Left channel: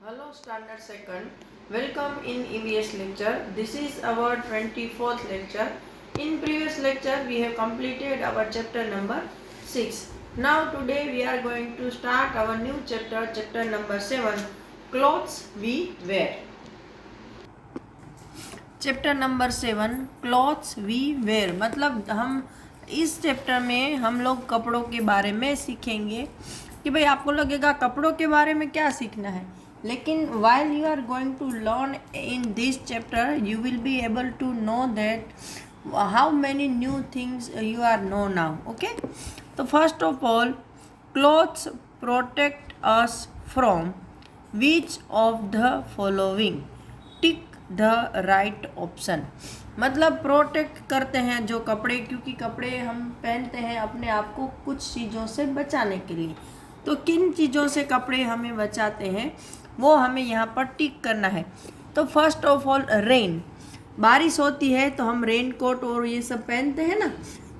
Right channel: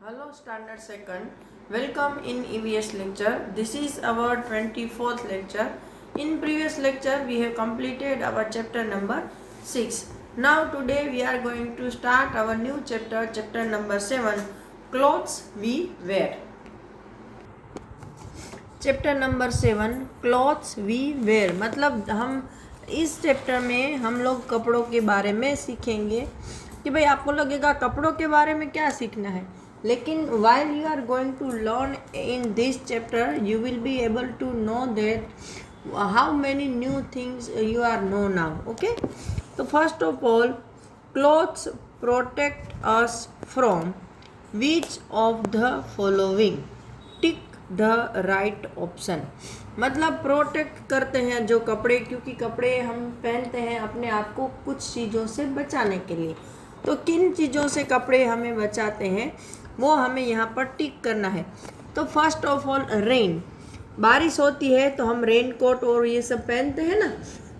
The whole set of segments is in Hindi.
Hello Standard Second, welcome in EVS lecture. This is our 24th lecture. In previous lecture we have completed our chapter number 6. Now today we are going to start our new chapter number 7, clothes we wear. Chapter number 7 clothes we wear मतलब हम इस चैप्टर में हम लोग कपड़ों के बारे में सीखेंगे कि भाई आपको लगेगा कपड़ों के बारे में क्या सीखना है, लेकिन while you are going to learn in this chapter you will be able to know that how many new things you are know now. Okay, so first of all, clothes protect us from which of the following? Tick the right option मतलब प्रोटेक्ट करते हैं जो कपड़े, क्योंकि कपड़े हम पहनते हैं अपने आप को कुछ चीज़ों से बचाने के लिए। तो किन चीज़ों से कपड़े हमें बचाते हैं वो हमें यहाँ पर टिक करना है। तो फर्स्ट ऑफ ऑल रेन, बारिश होती है तो हम रेन कोट और ये सब पहनते हैं ना,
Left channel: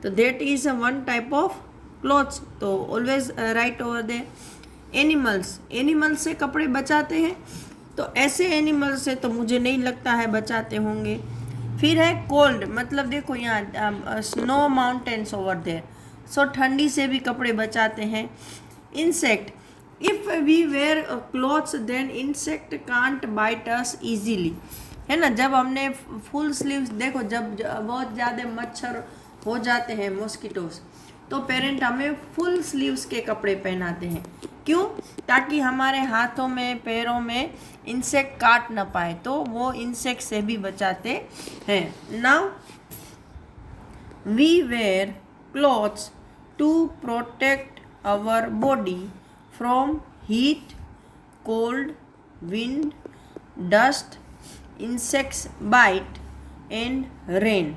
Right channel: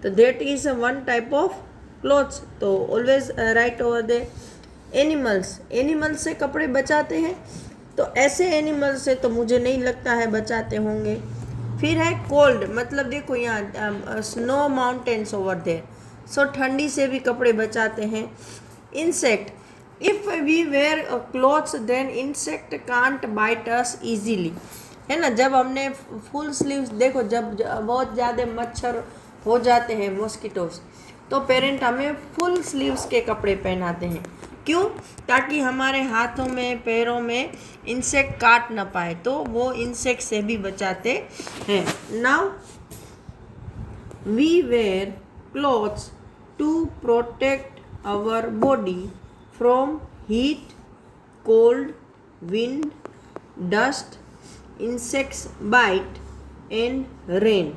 तो that is one type of clothes, तो always right over there. Animals, animals से कपड़े बचाते हैं, तो ऐसे एनिमल से तो मुझे नहीं लगता है बचाते होंगे। फिर है कोल्ड, मतलब देखो यहाँ snow mountains over there, so ठंडी से भी कपड़े बचाते हैं। Insect, if we wear clothes then insect can't bite us easily, है ना। जब हमने फुल स्लीव्स, देखो जब बहुत ज़्यादा मच्छर हो जाते हैं मॉस्किटोस, तो पेरेंट हमें फुल स्लीव्स के कपड़े पहनाते हैं। क्यों? ताकि हमारे हाथों में पैरों में इंसेक्ट काट ना पाए, तो वो इंसेक्ट से भी बचाते हैं। Now we wear clothes to protect our body from heat, cold, wind, dust, insects bite and rain.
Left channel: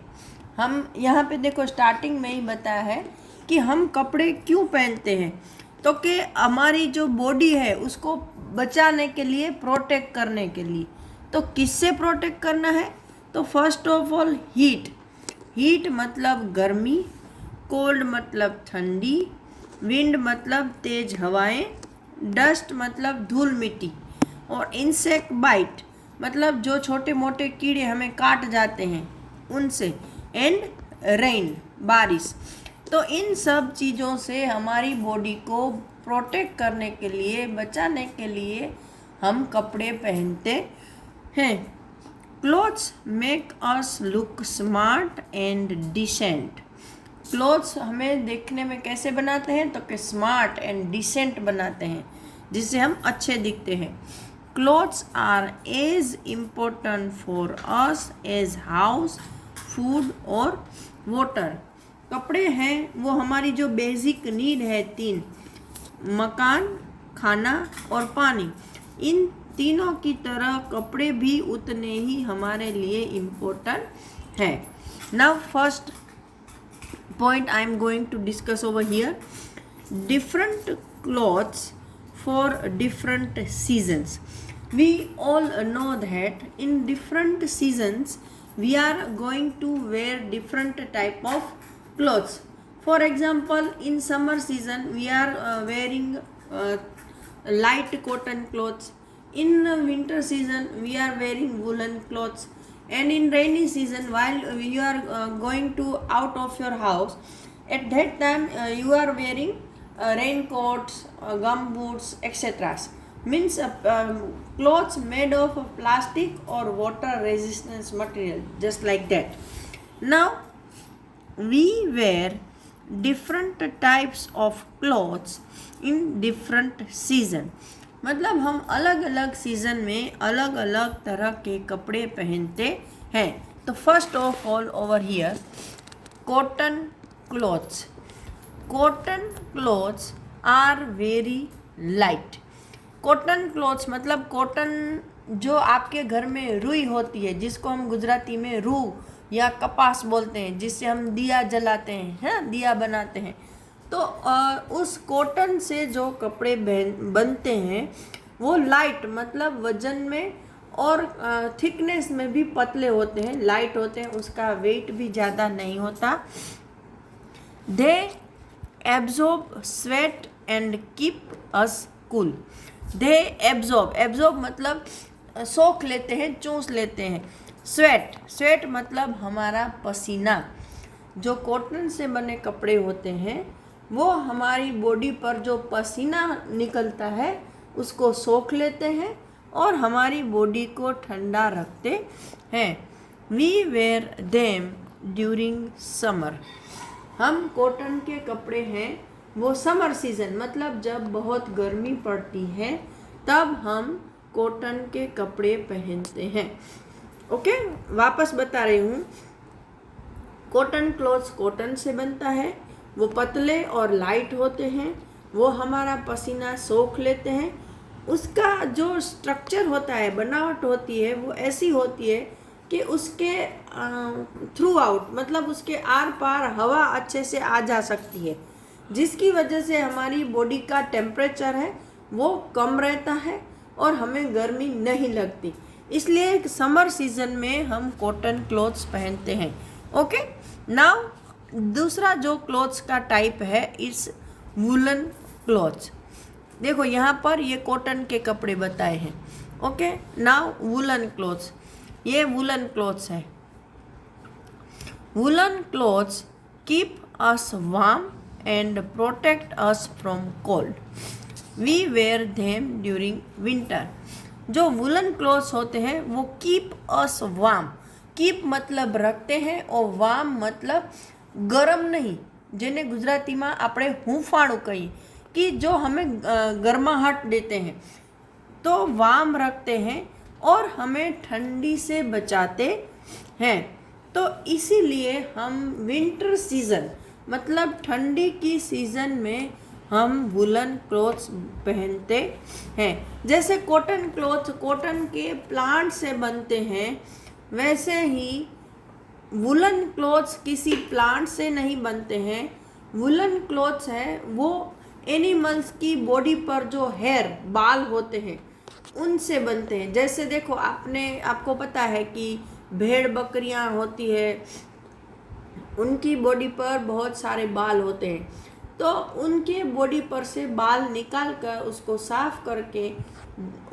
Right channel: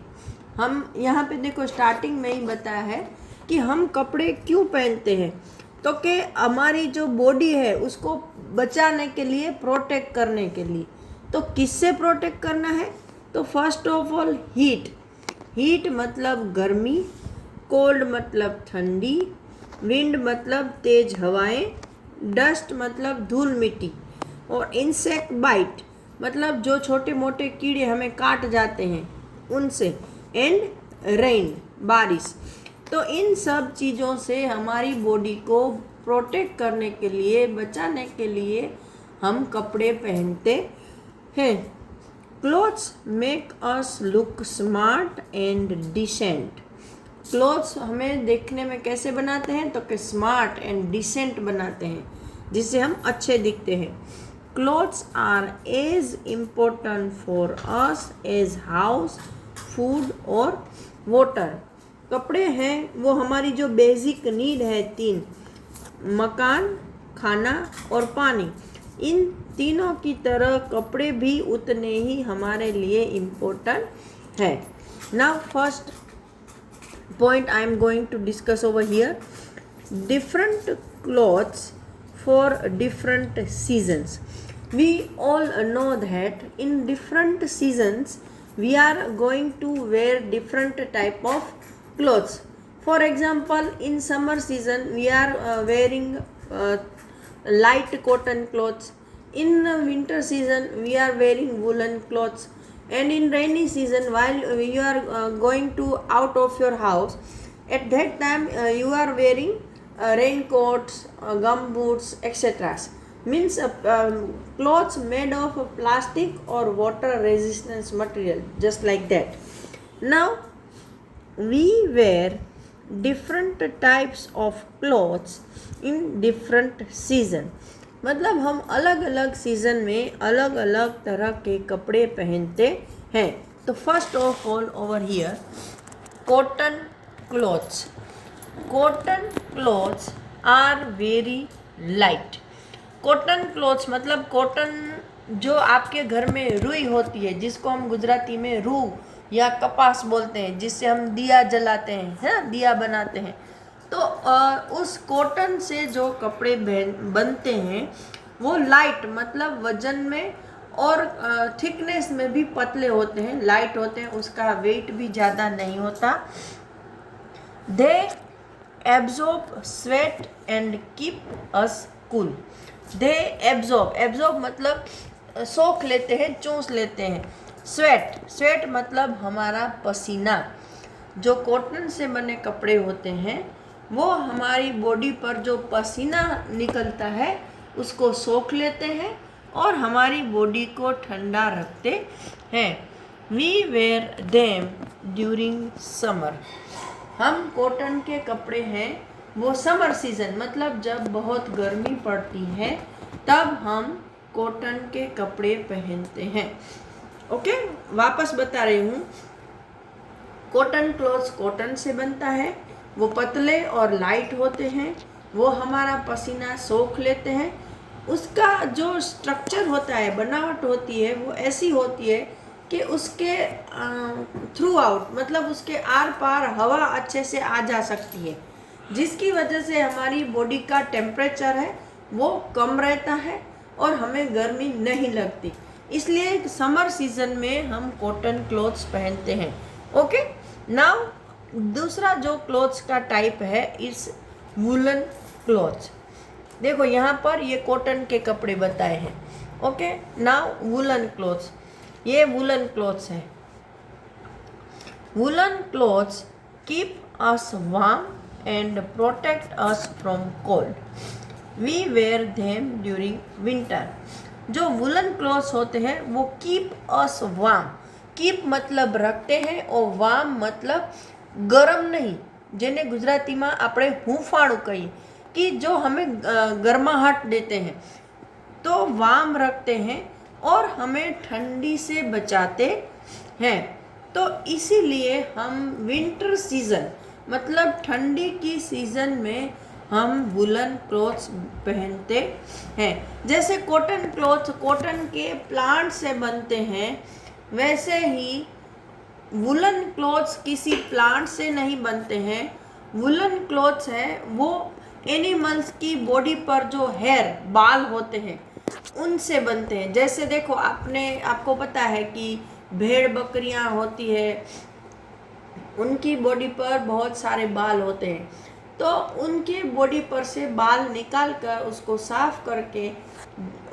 हम यहाँ पे देखो स्टार्टिंग में ही बताया है कि हम कपड़े क्यों पहनते हैं, तो कि हमारी जो बॉडी है उसको बचाने के लिए, प्रोटेक्ट करने के लिए। तो किससे प्रोटेक्ट करना है? तो first of all heat, heat मतलब गर्मी, कोल्ड मतलब ठंडी, विंड मतलब तेज हवाएं, डस्ट मतलब धूल मिट्टी, और इंसेक्ट बाइट मतलब जो छोटे मोटे कीड़े हमें काट जाते हैं उनसे, एंड रेन बारिश। तो इन सब चीज़ों से हमारी बॉडी को प्रोटेक्ट करने के लिए, बचाने के लिए हम कपड़े पहनते हैं। Clothes make us look smart and decent, clothes हमें देखने में कैसे बनाते हैं, तो कि स्मार्ट एंड डिसेंट बनाते हैं, जिससे हम अच्छे दिखते हैं। Clothes are as important for us as house, food और वाटर। कपड़े हैं वो हमारी जो बेसिक नीड है, तीन, मकान, खाना और पानी, इन तीनों की तरह कपड़े भी उतने ही हमारे लिए इम्पोर्टेंट है। Now first point I am going to discuss over here, different clothes for different seasons. We all know that in different seasons we are going to wear different type of clothes. For example, in summer season we are wearing light cotton clothes. In winter season we are wearing woolen clothes, and in rainy season while you are going to out of your house, at that time you are wearing raincoats, gum boots, etc. Means clothes made of plastic or water resistance material, just like that. Now we wear different types of clothes in different season, मतलब हम अलग अलग सीज़न में अलग अलग तरह के कपड़े पहनते हैं। तो first of all over here, cotton clothes. Cotton clothes are very light. Cotton clothes मतलब कॉटन जो आपके घर में रुई होती है, जिसको हम गुजराती में रूह या कपास बोलते हैं, जिससे हम दिया जलाते हैं, है ना, दिया बनाते हैं। तो उस कॉटन से जो कपड़े बनते हैं वो लाइट मतलब वजन में और थिकनेस में भी पतले होते हैं, लाइट होते हैं, उसका वेट भी ज़्यादा नहीं होता। They absorb sweat and keep us cool, they absorb, absorb मतलब सोख लेते हैं, चूस लेते हैं। स्वेट, स्वेट मतलब हमारा पसीना। जो कॉटन से बने कपड़े होते हैं वो हमारी बॉडी पर जो पसीना निकलता है उसको सोख लेते हैं और हमारी बॉडी को ठंडा रखते हैं। We wear them during summer. हम कॉटन के कपड़े हैं वो समर सीजन मतलब जब बहुत गर्मी पड़ती है तब हम कॉटन के कपड़े पहनते हैं। ओके, वापस बता रही हूँ। कॉटन क्लॉथ्स कॉटन से बनता है, वो पतले और लाइट होते हैं, वो हमारा पसीना सोख लेते हैं। उसका जो स्ट्रक्चर होता है, बनावट होती है, वो ऐसी होती है कि उसके थ्रू आउट मतलब उसके आर पार हवा अच्छे से आ जा सकती है, जिसकी वजह से हमारी बॉडी का टेम्परेचर है वो कम रहता है और हमें गर्मी नहीं लगती। इसलिए समर सीजन में हम कॉटन क्लॉथ्स पहनते हैं। ओके, नाउ दूसरा जो क्लॉथ्स का टाइप है इस वूलन क्लॉथ्स। देखो यहाँ पर ये कॉटन के कपड़े बताए हैं। ओके, नाउ वूलन क्लॉथ्स, ये वूलन क्लॉथ्स है। Woollen clothes keep us warm and protect us from cold. We wear them during winter. जो वूलन क्लॉथ्स होते हैं वो कीप अस वार्म, कीप मतलब रखते हैं और वार्म मतलब गरम नहीं, જેને ગુજરાતીમાં આપણે હૂંફાળું કહીએ कि जो हमें गर्माहट देते हैं, तो वार्म रखते हैं और हमें ठंडी से बचाते हैं। तो इसीलिए हम विंटर सीजन मतलब ठंडी की सीजन में हम वुलन क्लॉथ्स पहनते हैं। जैसे कॉटन क्लॉथ कॉटन के प्लांट से बनते हैं, वैसे ही वुलन क्लॉथ्स किसी प्लांट से नहीं बनते हैं। वुलन क्लॉथ्स है वो एनिमल्स की बॉडी पर जो हेयर बाल होते हैं उनसे बनते हैं। जैसे देखो आपको पता है कि भेड़ बकरियां होती है, उनकी बॉडी पर बहुत सारे बाल होते हैं, तो उनके बॉडी पर से बाल निकाल कर उसको साफ करके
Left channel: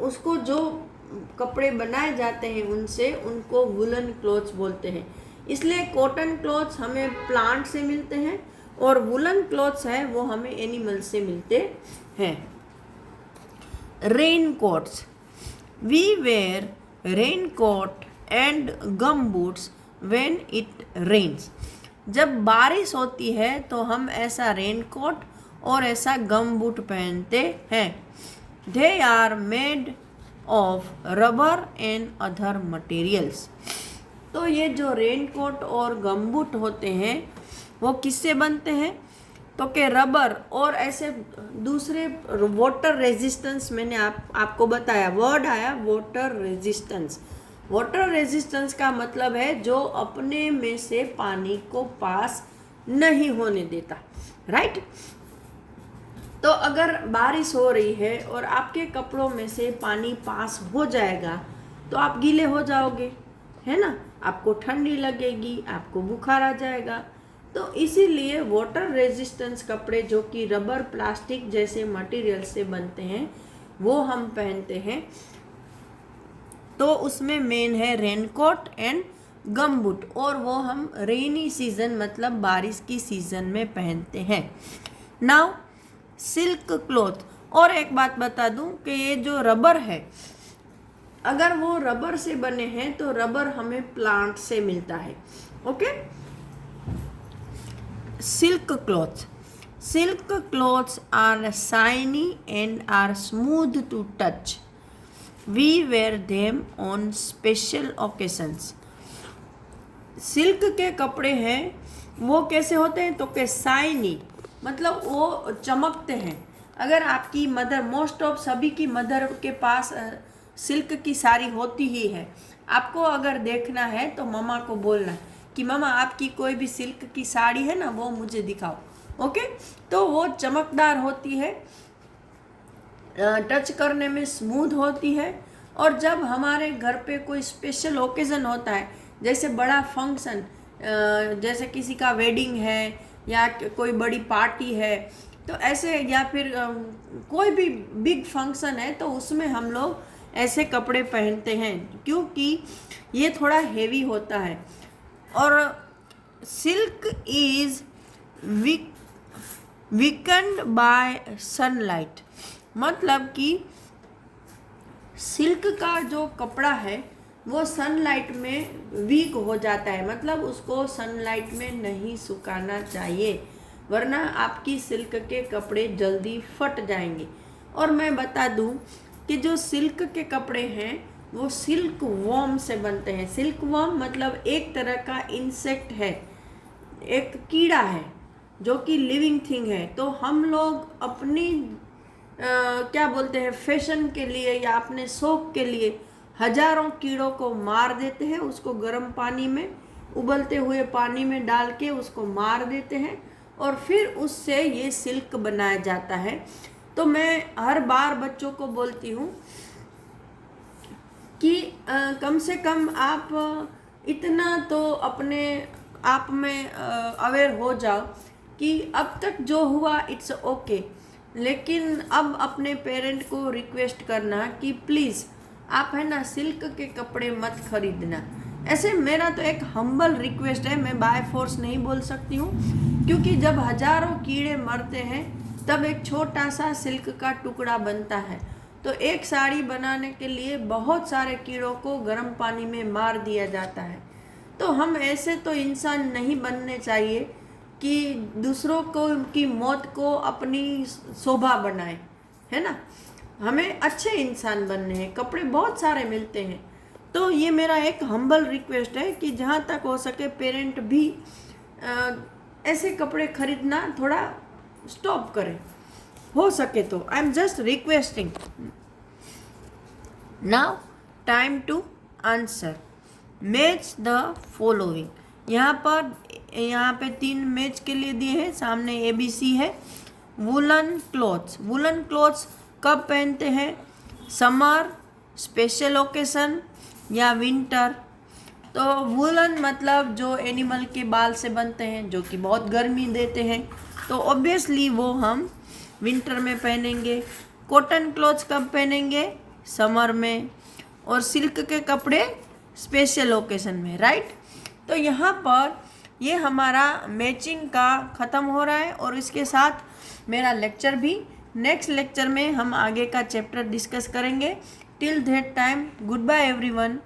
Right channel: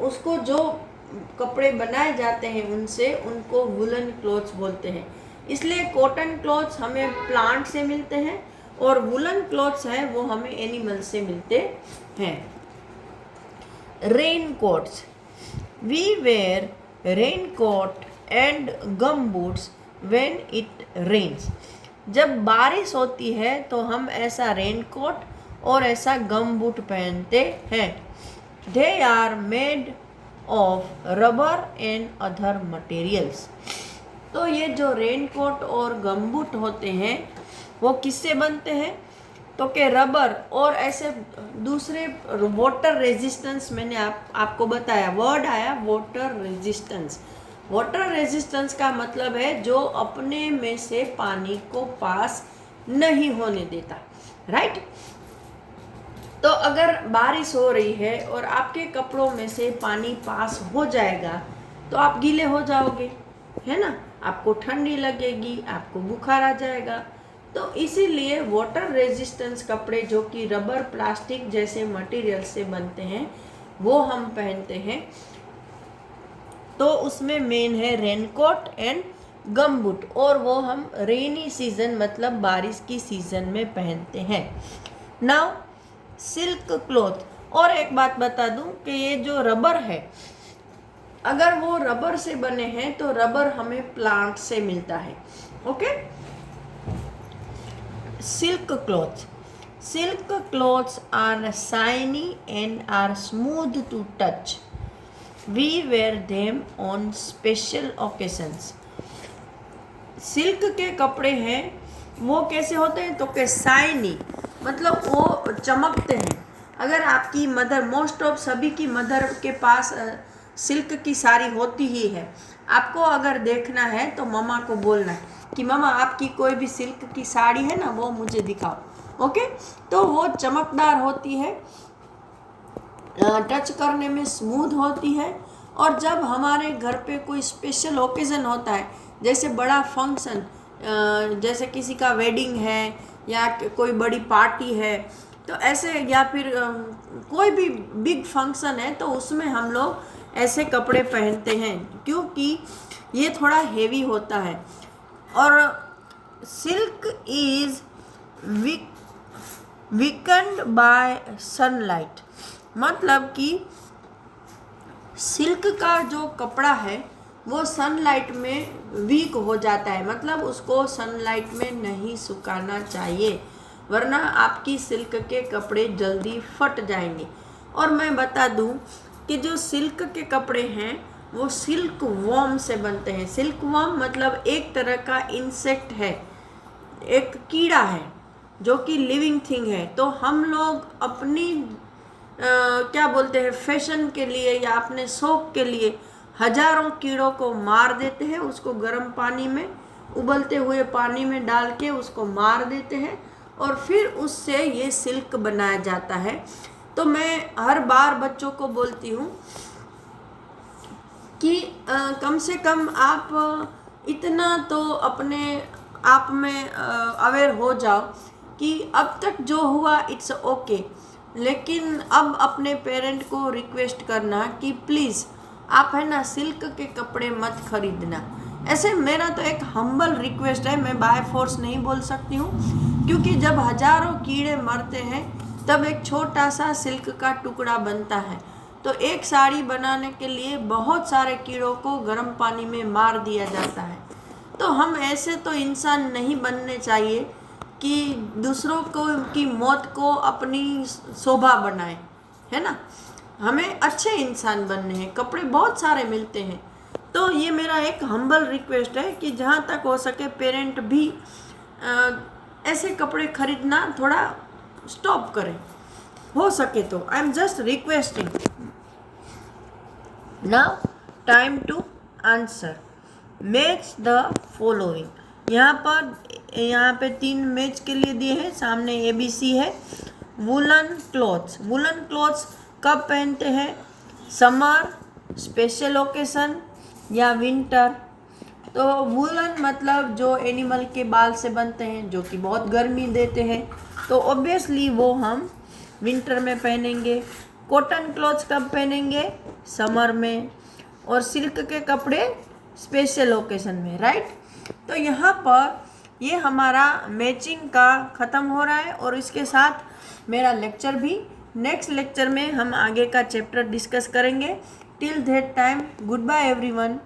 उसको जो कपड़े बनाए जाते हैं उनसे, उनको वुलन क्लॉथ्स बोलते हैं। इसलिए कॉटन क्लॉथ्स हमें प्लांट से मिलते हैं और वुलन क्लॉथ्स है वो हमें एनिमल से मिलते हैं। Raincoats, we wear raincoat and gum boots when it rains. जब बारिश होती है तो हम ऐसा रेन कोट और ऐसा गम बूट पहनते हैं। They are made of rubber and other materials. तो ये जो रेन कोट और गम बूट होते हैं वो किससे बनते हैं? तो कि रबर और ऐसे दूसरे वाटर रेजिस्टेंस, मैंने आपको बताया, वर्ड आया वाटर रेजिस्टेंस। वाटर रेजिस्टेंस का मतलब है जो अपने में से पानी को पास नहीं होने देता, राइट। तो अगर बारिश हो रही है और आपके कपड़ों में से पानी पास हो जाएगा तो आप गीले हो जाओगे, है ना, आपको ठंडी लगेगी, आपको बुखार आ जाएगा। तो इसीलिए वाटर रेजिस्टेंस कपड़े जो कि रबर प्लास्टिक जैसे मटेरियल से बनते हैं वो हम पहनते हैं। तो उसमें मेन है रेनकोट एंड गम बूट, और वो हम रेनी सीजन मतलब बारिश की सीजन में पहनते हैं। नाउ सिल्क क्लॉथ, और एक बात बता दूं कि ये जो रबर है, अगर वो रबर से बने हैं तो रबर हमें प्लांट से मिलता है। Okay, silk cloth, silk clothes are shiny and are smooth to touch. We wear them on special occasions. Silk के कपड़े हैं वो कैसे होते हैं? तो कि शाइनी मतलब वो चमकते हैं। अगर आपकी मदर, मोस्ट ऑफ सभी की मदर के पास सिल्क की साड़ी होती ही है। आपको अगर देखना है तो मम्मा को बोलना है कि मम्मा आपकी कोई भी सिल्क की साड़ी है ना, वो मुझे दिखाओ। ओके, तो वो चमकदार होती है, टच करने में स्मूथ होती है। और जब हमारे घर पे कोई स्पेशल ओकेज़न होता है, जैसे बड़ा फंक्शन, जैसे किसी का वेडिंग है या कोई बड़ी पार्टी है, तो ऐसे, या फिर कोई भी बिग फंक्शन है तो उसमें हम लोग ऐसे कपड़े पहनते हैं, क्योंकि ये थोड़ा हेवी होता है। और सिल्क इज वीकन्ड बाय सनलाइट, मतलब कि सिल्क का जो कपड़ा है वो सनलाइट में वीक हो जाता है, मतलब उसको सनलाइट में नहीं सुखाना चाहिए, वरना आपकी सिल्क के कपड़े जल्दी फट जाएंगे। और मैं बता दूं कि जो सिल्क के कपड़े हैं वो सिल्क वॉर्म से बनते हैं। सिल्क वॉर्म मतलब एक तरह का इंसेक्ट है, एक कीड़ा है जो कि लिविंग थिंग है। तो हम लोग अपनी क्या बोलते हैं, फैशन के लिए या अपने शौक के लिए हजारों कीड़ों को मार देते हैं, उसको गर्म पानी में, उबलते हुए पानी में डाल के उसको मार देते हैं और फिर उससे ये सिल्क बनाया जाता है। तो मैं हर बार बच्चों को बोलती हूँ कि कम से कम आप इतना तो अपने आप में अवेयर हो जाओ कि अब तक जो हुआ इट्स ओके, लेकिन अब अपने पेरेंट को रिक्वेस्ट करना कि प्लीज़ आप है ना सिल्क के कपड़े मत खरीदना। ऐसे मेरा तो एक हम्बल रिक्वेस्ट है, मैं बाय फोर्स नहीं बोल सकती हूँ, क्योंकि जब हजारों कीड़े मरते हैं तब एक छोटा सा सिल्क का टुकड़ा बनता है। तो एक साड़ी बनाने के लिए बहुत सारे कीड़ों को गर्म पानी में मार दिया जाता है। तो हम ऐसे तो इंसान नहीं बनने चाहिए कि दूसरों को की मौत को अपनी शोभा बनाए, है ना। हमें अच्छे इंसान बनने हैं, कपड़े बहुत सारे मिलते हैं। तो ये मेरा एक हम्बल रिक्वेस्ट है कि जहाँ तक हो सके पेरेंट भी ऐसे कपड़े खरीदना थोड़ा स्टॉप करें, हो सके तो। I am just requesting. Now time to answer. Match the following. यहाँ पे 3 मैच के लिए दिए हैं, सामने ABC है। वुलन क्लॉथ्स, वुलन क्लॉथ्स कब पहनते हैं? समर, स्पेशल ओकेशन या विंटर। तो वुलन मतलब जो एनिमल के बाल से बनते हैं, जो कि बहुत गर्मी देते हैं, तो ऑब्वियसली वो हम विंटर में पहनेंगे। कॉटन क्लॉथ्स कब पहनेंगे? समर में। और सिल्क के कपड़े स्पेशल ओकेशन में, राइट। तो यहाँ पर ये हमारा मैचिंग का ख़त्म हो रहा है और इसके साथ मेरा लेक्चर भी। नेक्स्ट लेक्चर में हम आगे का चैप्टर डिस्कस करेंगे। Till that time, goodbye everyone.